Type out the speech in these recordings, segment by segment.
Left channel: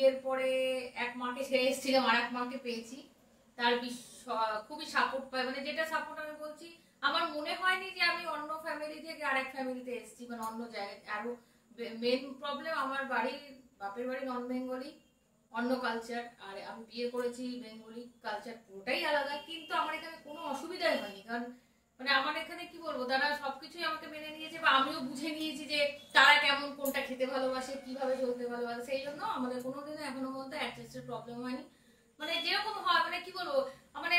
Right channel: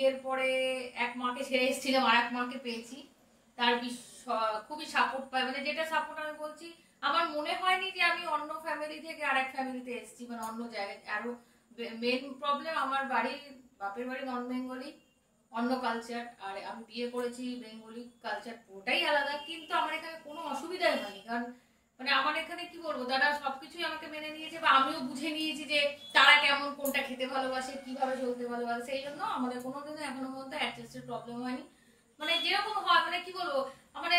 বিয়ের পরে এক মাকে ছেড়ে এসেছিলাম, আর এক মাকে পেয়েছি। তার খুবই সাপোর্ট পাই, মানে যেটা সাপোর্ট আমি বলছি, আমার মনে হয়নি যে আমি অন্য ফ্যামিলি থেকে আরেক ফ্যামিলিতে এসেছি, মানে অন্য জায়গায়। আরো মেন প্রবলেম, আমার বাড়ির বাপের বাড়ি নন বেঙ্গলি, অন্য কালচার, আর আমি বিয়ে করেছি বেঙ্গলি কালচার, পুরোটাই আলাদা। কিন্তু আমার এখানে কোনো অসুবিধাই হয়নি, কারণ মানে আমার এখানে কি বলবো, তারা সবকিছুই আমাকে মেনে নিয়েছে, বা আমিও বুঝে নিয়েছি যে তারা কেমন, কোনটা খেতে ভালোবাসে, কিভাবে চলতে ভালোবাসে। সেই জন্য আমাদের কোনোদিনও এখনো পর্যন্ত অ্যাডজাস্টের প্রবলেম হয়নি। মানে যেরকম হয়, মানে কি বলবো, মানে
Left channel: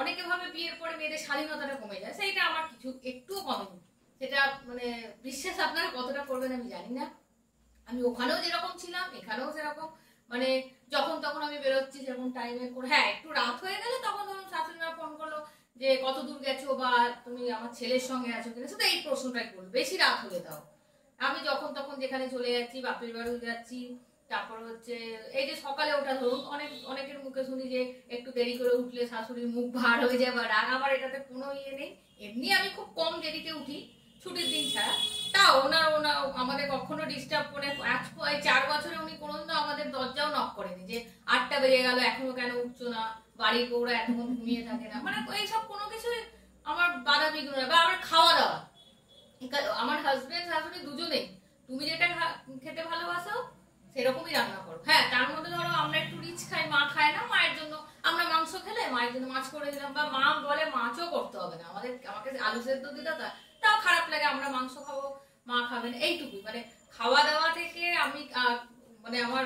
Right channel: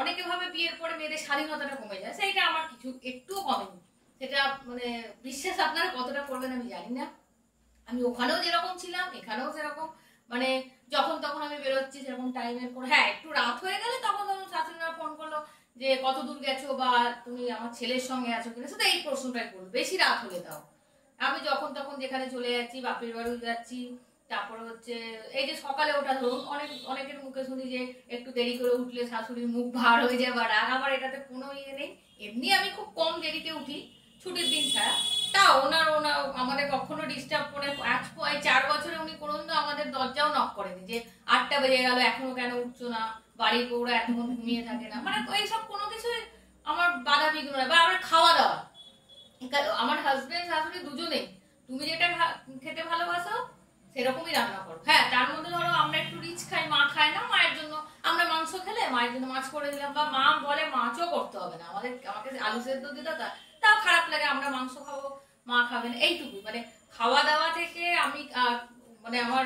অনেকে ভাবে বিয়ের পরে মেয়েদের স্বাধীনতাটা কমে যায়, সেইটা আমার কিছু একটুও কমেনি। সেটা মানে বিশ্বাস আপনারা কতটা করবেন আমি জানি না। আমি ওখানেও যেরকম ছিলাম এখানেও সেরকম, মানে যখন তখন আমি বেরোচ্ছি সেরকম টাইমের পর। হ্যাঁ, একটু রাত হয়ে গেলে তখন শাশুড়ি মা ফোন করলো যে কত দূর গেছো, বা তুমি আমার ছেলের সঙ্গে আছো কিনা, শুধু এই প্রশ্নটাই করলো, বেশি রাত হলে দাও। আমি যখন তখন যেখানে চলে যাচ্ছি, বাপের বাড়িও যাচ্ছি। তারপরে হচ্ছে এই যে সকালে ওঠা, ধরুন অনেকের মুখে শুনি যে একটু দেরি করে উঠলে শাশুড়ির মুখ ভার হয়ে যায় বা রাগ, আমার এটাতে কোনো ইয়ে নেই। এমনি আমি খুব কম দেরিতে উঠি ছুটির দিন ছাড়া। তা ওনার আমাদের কখনো ডিস্টার্ব করে, 4 বছরে উনি কোনোদিন আমাদের দরজাও নক করেনি যে 8টা বেজে গেল এখনো কেন উঠছো না, বাড়ির বউরা এতক্ষণ ঘুমিয়ে থাকে না, মানে এইসব কোনো কিছুই আমার বাধা বিঘ্ন নয়। বা আমার খাওয়া দাওয়া, আমার হাজবেন্ড শাশুড়ি দুজনেই তুমি যেটা খেতে ভালোবাসো সেরকমই রান্না করো। হ্যাঁ, তার মধ্যে ধরো আমরা একটু রিচ খাই, মা খায় না, মায়ের জন্য আমরা মাংস খেলে মায়ের জন্য মাছ করে দিলাম, বা মা বলে মাছও করতে হবে না, আমাকে আলু সেদ্ধ দিতে, তাও খারাপ লাগে, আমরা মাংস খাবো, মা খাবেন, এইটুকুই। মানে খাওয়া দাওয়া থেকে আমি মানে আমার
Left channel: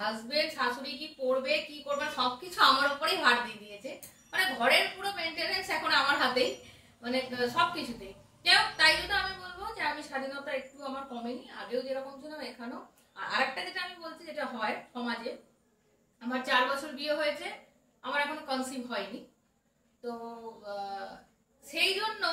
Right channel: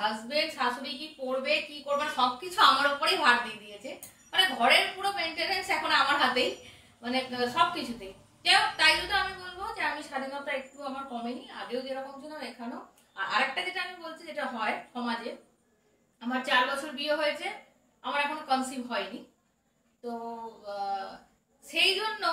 হাজবেন্ড শাশুড়ি কি পড়বে কি করবে সবকিছু আমার উপরেই ভার দিয়ে দিয়েছে। মানে ঘরের পুরো মেনটেনেন্স এখন আমার হাতেই, মানে সবকিছুতেই। তাই জন্য আমি বলবো যে আমি স্বাধীনতা একটু আমার কমেনি, আগেও যেরকম ছিলাম এখানেও। আর আরেকটা যেটা আমি বলছি, যেটা হয় সমাজে, আমার 4 বছর বিয়ে হয়েছে, আমার এখনো কনসিভ হয়নি। তো সেই জন্য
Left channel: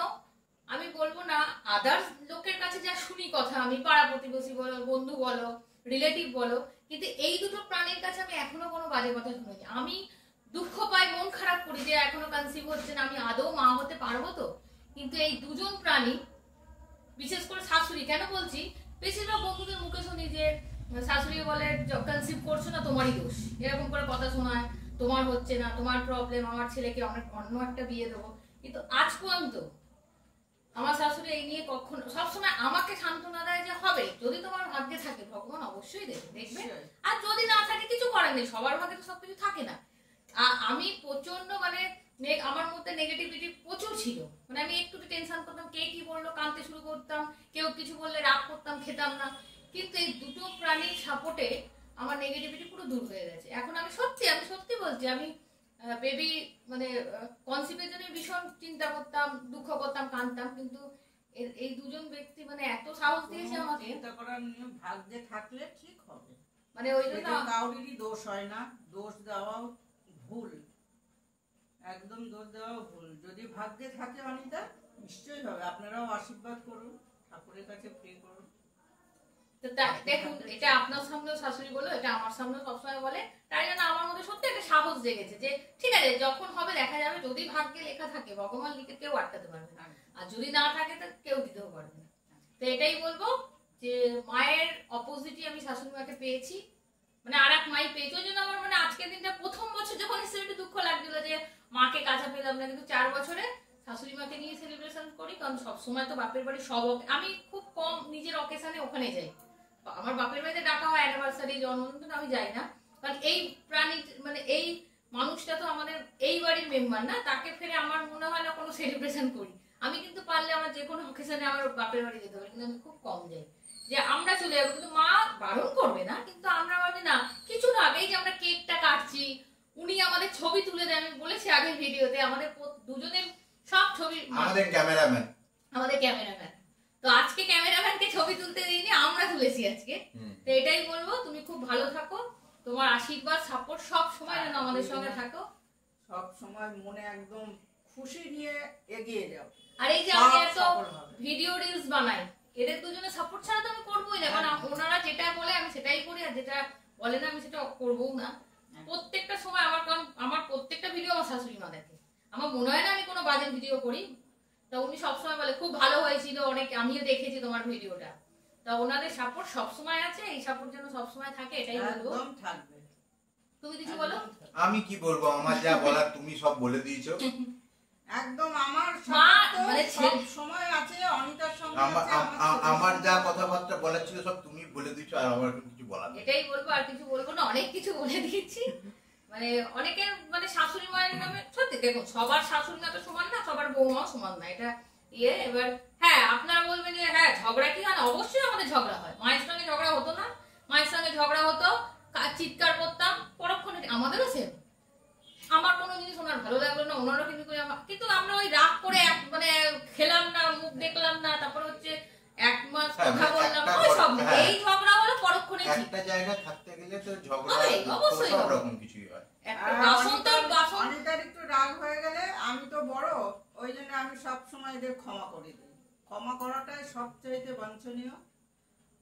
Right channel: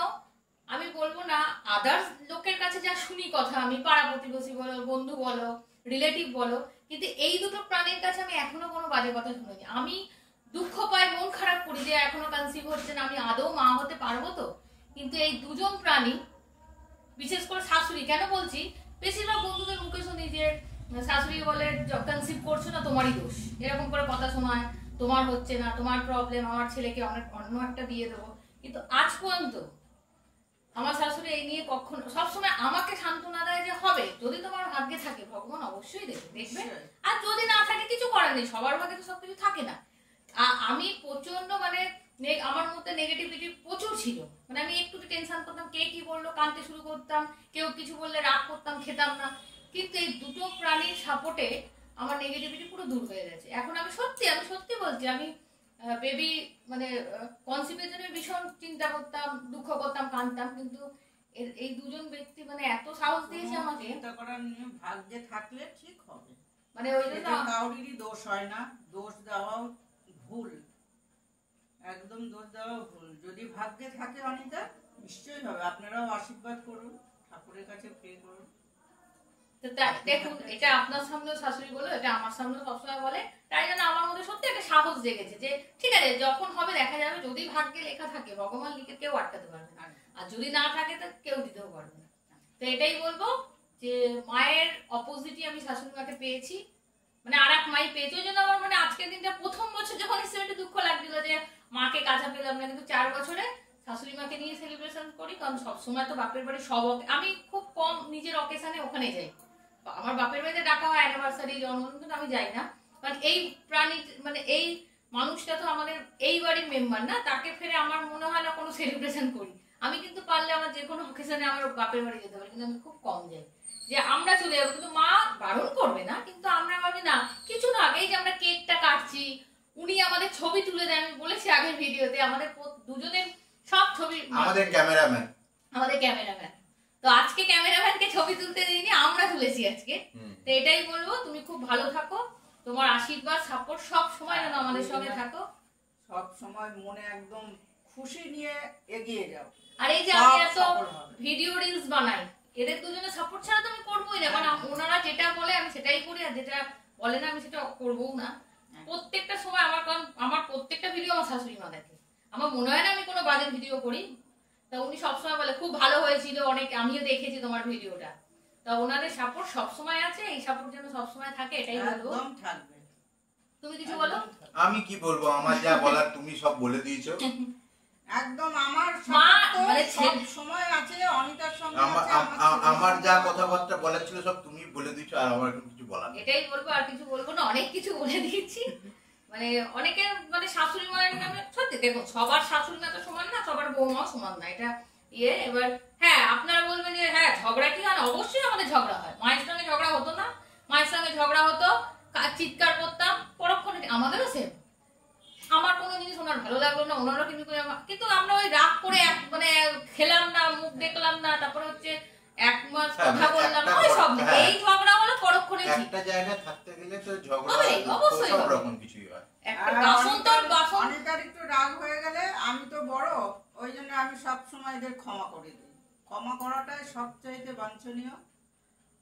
আমি বলবো না, আদার্স লোকের কাছে যা শুনি কথা, আমি পাড়া প্রতিবেশী বলো, বন্ধু বলো, রিলেটিভ বলো, কিন্তু এই দুটো প্রাণীর কাছে আমি এখনো কোনো বাজে কথা শুনিনি। আমি দুঃখ পাই, মন খারাপ করি যে এখনো কনসিভ হচ্ছে না, আমি আদৌ মা হতে পারবো তো। কিন্তু এই দুজন প্রাণী, বিশেষ করে শাশুড়ি, কেন বলছি, বেশিরভাগ বন্ধুদের মুখে শুনি যে শাশুড়ি বলে কনসিভ করছো না তোমারই দোষ, এরকম করে কথা শোনায়, তোমার হচ্ছে না, তোমার প্রবলেম, আমার ছেলেকে অন্য একটা বিয়ে দেবো। কিন্তু আজ পর্যন্ত আমার শাশুড়ি এই নিয়ে কখনো, সবসময় আমাকে সান্ত্বনা দেয় যে হবে, যদি তোমার ভাগ্যে থাকে ভগবান অবশ্যই দেখবে, আর যদি না থাকে কিছু করার নেই, সবার ভাগ্যে তো সবকিছু থাকে না। আমি প্রচন্ড মানে আমার মধ্যে নেগেটিভিটি প্রচুর ছিল, মানে আমি একটু টেনশন করতাম, কে কি বললো কাঁদতে শুরু করতাম, কেউ কিছু বললে রাগ করতাম, খেতাম না। কিন্তু এই দুটো প্রাণীর সাপোর্টে আমার নেগেটিভিটি পুরো দূর হয়ে গেছে। এখন আমি সত্যি বলছি, আমি বেবি মানে কনসিভের জন্য ভীষণ চিন্তা করতাম, দুঃখ করতাম, কাঁদতাম, কিন্তু এই দুজন ব্যক্তি মানে এত সাহস দিয়েছে আমাকে। চিন্তা করার নিয়ে ভাগ্যে থাকলে ঠিক হবে, মানে ওই জন্য কাউরিরই দোষ হয় না, দোষ দেওয়াও ভুল, একদম দোষ দেওয়া ভুল। যদি ভাগ্যে থাকে অনিতা নিশ্চয়ই হবে। আপনারাও আশীর্বাদ করুন, ঠাকুরের কাছে প্রে করুন। দেখুন, এটা আপনার সামনেও শাশুড়ি বলো, এটা আমার সামনেও সবসময় বলে, তাই জন্য আমার মধ্যে সত্যি একটা সাহস জেগেছে যে ঠিক আছে, যখন হবে দেখা যাবে, যদি ভাগ্যে লেখা থাকে ভগবান লিখে কেউ আটকাতে পারবে না, আর যদি না থাকে তো কেউ দিতেও পারবে না। তো এটাই বলবো যে মায়ের অপোজিটই আমি শাশুড়ি মাকে পেয়েছি, মানে আর এক মাই পেয়েছি। ওই জন্য আমার মানে আজকের দিনটা, প্রথম বছর যখন এসে একটু দুঃখ লাগছিল যে মাকে কাছে পেলাম না, কিন্তু 4 বছরে শাশুড়ি মাকে নিয়ে সেলিব্রেশন করি, কারণ সবসময় তো বাপের বাড়ি আমি খুব কম নিজের অকেশনে ওখানে যাই। আমার বাপের বাড়িতে ডাকা হয় অ্যানিভার্সারি, জন্মদিন, কিন্তু আমি যাই না, কারণ এই প্রাণী মানে এই মানুষটা তো আমাদের এই বাড়ির মেম্বার না, তাকে ফেরে আমার মনে হয় না কোনো সেলিব্রেশন করি। আমি কিন্তু পারলে আমার যে কোনো অকেশনে আমার বাপের বাড়ি যেতে পারি, কিন্তু আমি খুব কম যাই, যে আমরা চলে যাবো, কিন্তু মা বারণ করবে না, কিন্তু আমরা ভাবি না কিছু না, আগেই যে আমরা কেকটা কাটছি, উনি আমাদের ছবি তুলে দেন, আমি বলেছি আগের ভিডিওতে, আমাদের দুজনের সব ছবি, আমাদের ক্যামেরাম্যান। তো আজকে ক্যামেরাম্যানকে ছবি তুলতে দিইনি, আমরা তুলেছি আজকে। তো এটাই বলবো, তুমি খুব ভালো থাকো, তোমার আশীর্বাদ সাপোর্ট সব সময় যেন আমাদের সঙ্গে থাকো, সব সময় মনে একদম খুশি নিয়ে এগিয়ে যাও। আর এই যে আমি এত ভিডিও রিলস বানাই, এদের দুজনের সাপোর্ট ছাড়া তো আমি করবোই না, কারণ ওনারা যেটা বলে আমি সেটাই করি, আর যেটা বলে না আমি সেটা করবো না। প্রত্যেকটা সময় আমার প্রত্যেকটা ভিডিও আমার শাশুড়ি মা দেখে, আমার মনে হয় না আমি কোনো বাজে ভিডিও করি। তা উনি সবসময় বলে খুব ভালো হয়েছিল, অনেক আমিও দেখেছি তোমার ভিডিওটা। তা ওনাদের সাপোর্ট সবসময় আছে, এই সাপোর্ট যেন সবসময় থাকে এটাই বলবো। একদম থাকবে। তুমি কিছু বলো। একদম থাকবে। আমি কি বলবো, আমার যা বলার তুমি সব বলে দিয়েছো। একদম আমার মা, support মানে তো সব সময় আছে, অনিতার সঙ্গে আছে, আমার যা কথাবার্তা বলার ছিল সব তুমি বলে দিয়েছো, আর আমার এখন কিছু বলার নেই। এটাই বলবো, আর কিছু বলবো না, অনেক কিছু বলে দিয়েছি। মানে অনেকের মানে শাশুড়ি মায়ের নামে সত্যি দেখুন সবার শাশুড়ি মা তো সমান না, সবার বৌমাও সমান না, এটা এবার হ্যাঁ আপনারা বলবেন যে হ্যাঁ ঝগড়া কি হয় না, অবশ্যই আমাদের ঝগড়া হয়। মায়ের সঙ্গে ঝগড়া হতো না? মায়ের সঙ্গে ঝগড়া হতো, চিৎকার করতাম পরক্ষণে, আমাদেরও সেম। আমার কোনো জিনিস ওনার ভালো লাগলো না, ওনারও কিন্তু আমরা ওই রাগ করে মানে খেলাম না, মুখ দেখলাম না, তারপরে হচ্ছে এক মাস কথা বললাম, ওই সব না। এই ঝগড়া হলো পরক্ষণে ঠিক। একটা জায়গায় থাকতে গেলে তো ঝগড়া হবে, অবশ্যই সব হবে। রকম কিছুই হয়। একটা বাসন তো বাসন অনিতার একটু রাগ হয়ে গেলে, আমি তো বড়, ওই জন্য আমি সব সময় এদের ক্ষমা করে দিই। ক্ষমা করাটাই সবচাইতে বাঞ্ছনীয়।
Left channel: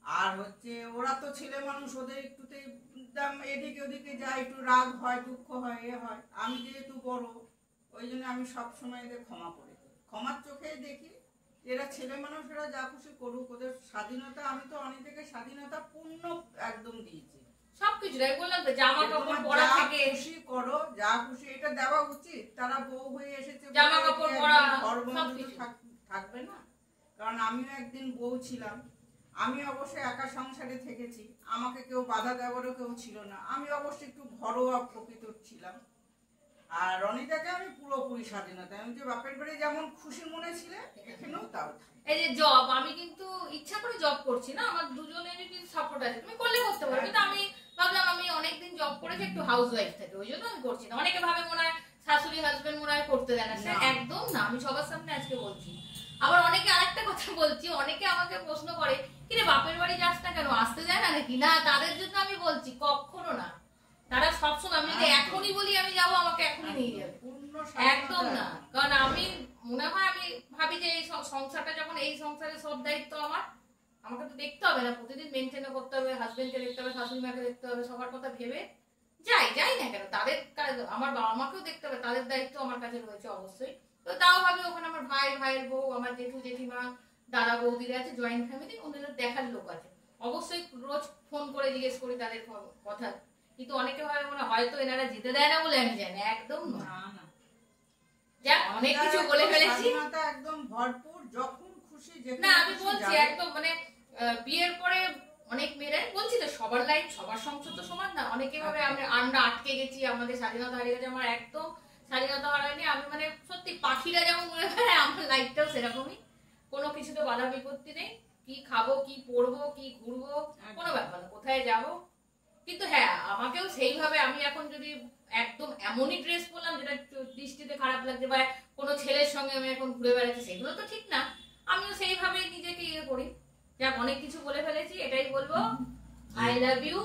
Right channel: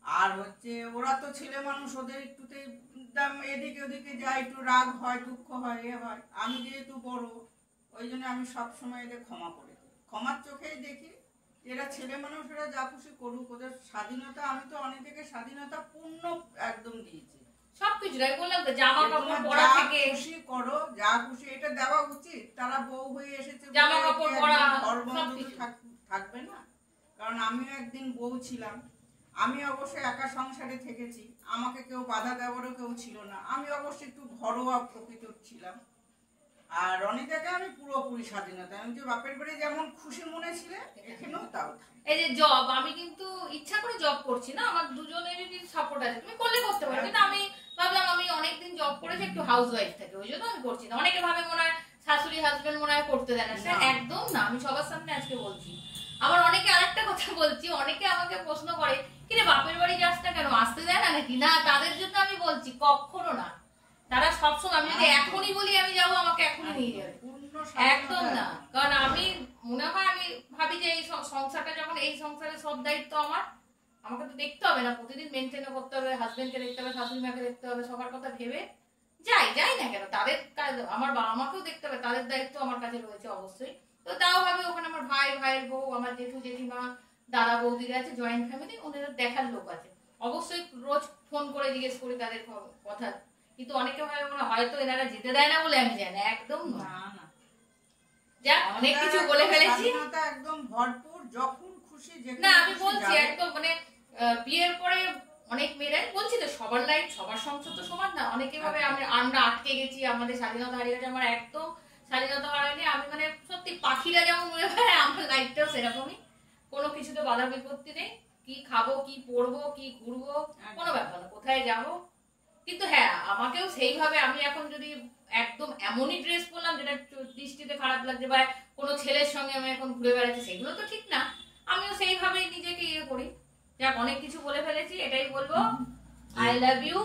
আর হচ্ছে ওরা তো ছেলে মানুষ, ওদের একটুতেই একদম এদিকে ওদিকে যায়, একটু রাগ হয়, দুঃখ হয়, এ হয়। আমি যেহেতু বড়, ওই জন্য আমি সব সময় এদের ক্ষমা করে দিই। ক্ষমার চোখেই দেখি এরা ছেলে মানুষ, এরা যা খুশি করুক, ওদের স্বাধীনতা। আমি তো অনেকে স্বাধীনতা পূর্ণ একদম দিয়েছি। সবকিছুটাই বললাম তো, জামা কাপড় পরা যা থেকে খুশি করো, যা খুশি, এটা দেওয়া উচিত। তারা বউ হয়ে এসেছে, জামা কাপড় পরা, ঘরবন্দি সবকিছু। থাকবে না? কারণ আমিও একদিন বউ ছিলাম। আমি অবশ্যই একা সংসারে থেকেছি, আমাকে কেউ বাধা দেওয়ারও কেউ ছিল না। আমি অবশ্যই একটু ঘরোয়া প্রকৃতির ছিলাম। আর রনিতাকে আমি পুরোপুরি স্বাধীনতা, আমি যে বাপের বাড়ি যেমন খুশি মনে ছিলে, এখানেও তাও তাই। এই যে জব, আমি কিন্তু ইচ্ছা করে জব করছি না, আমার দুজনেরই সাপোর্ট আছে, তুমি করলে করতে পারো। কিন্তু আমি ভাবলাম আমি অনেকদিন জব করেছি, একটু হাউস ওয়াইফ থেকে, ওই জন্য আমি করছি না। অনেকে ভাবে মনে হয় শাশুড়ি হাজবেন্ড মনে হয় করতে দেয় না, স্যার একদম না, আমি সবার সামনে আজকে বলছি। আবার অনেকে আরেকটা কথা বলছি, অনেকে আমাকে প্রশ্ন করে কিরে বাপের বাড়ি যাস না কেন, আসতে দেয় না নাকি? না, তাদের জন্য আমি বলছি কখনো না। তারা সবসময়, আমি যদি এখনই বলি আমি যাবো, আমাকে এখনই নিয়ে যাবে, একদম না। কারণ আমি মনে হয়, আমি ভাবি যে এই সংসারটা যখন, এই সংসারের সব দায়িত্ব আমার, আমাকে তো দেখতে হবে না, প্রতিদিন মেনটেন করতে হবে, হাজবেন্ডকে দেখতে হবে, শাশুড়ি মাকে দেখতে হবে, সবার কথা ভেবে যাই না কেন, তাদের কাজ, আমার বাবা মাকেও দেখতে হবে, তাদের দায়িত্ব আমার কাছে রয়েছে অবশ্যই। তো তাও ভাবি ওখানে আমার ভাইয়ের বউ, আমার জেঠু জেঠিমা, দাদা বৌদিরা আছে, জয়েন্ট ফ্যামিলি, ওদের দেখার লোক আছে, অবশ্যই রোজ ফোন করে জিজ্ঞেস করি তাদের কথা। কিন্তু অনেকে ভাবে মনে হয়তো এনারা যেতে দেয় না বলে আমি জানি, একদম না। যাক, অনেক কিছু বলে ফেলেছি, একদম ভরপুর, যখন খুশি না আমি বলছি একদম মানে বিয়ের পরে অনেক মেয়েরাই বলছি তো, সবার লাইফ সবার সংসার তো সমান না। অনেকে ভাবে আমরা আটকে গেছি, আমাদের স্বাধীনতা হারিয়ে গেছে। আমার একদম স্বাধীনতা হারায়নি। আমি মানে সত্যি পাখিরা যেমন উড়ে বেড়ায়, আমার লাইফটাও সেরকমই, কোনো কিছুতে বাধা বিপত্তি নেই। কি খাবো, কি পরবো, কি ঘুরবো, কোনো ব্যাপার না, কোথায় যাবো। কিন্তু হ্যাঁ, আমাকেও সেইভাবে, আমি এখন যদি একদম এমনই ড্রেস পরলাম যেটা দৃষ্টিতে খারাপ লাগছে, বা কোনো ছেলের সঙ্গে আমি এখন ঘুরে বেড়াচ্ছি, সেগুলো তো ঠিক না। আমিও সেইভাবেই নিজেকে করি। যাক, অনেক কিছু বলে ফেলেছি, এটাই বলবো, আই লাভ ইউ।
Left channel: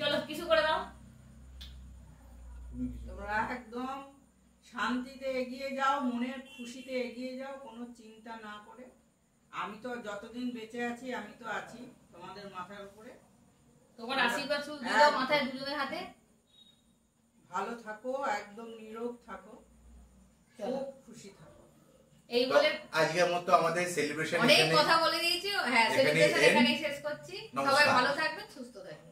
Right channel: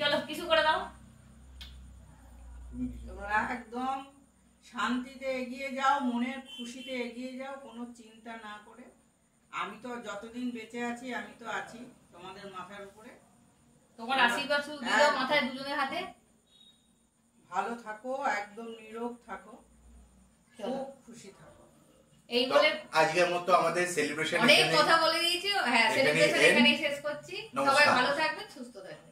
চলো কিছু করে দাও। তোমরা একদম শান্তিতে এগিয়ে যাও, মনের খুশিতে এগিয়ে যাও, কোনো চিন্তা না করে। আমি তো যতদিন বেঁচে আছি, আমি তো আছি তোমাদের মাথার উপরে। তোমার আশীর্বাদ শুধু দিও মাথায়, দুজনের হাতে। ভালো থাকো, একদম নীরব থাকো, খুব খুশি থাকো। এই বলে আজকের মতো আমাদের সেলিব্রেশন অনেক কথা বলে দিয়েছি। হ্যাঁ, সেলিব্রেশন এখানেই শেষ করছি। সবাই ভালো থাকবেন, সুস্থ থাকবেন।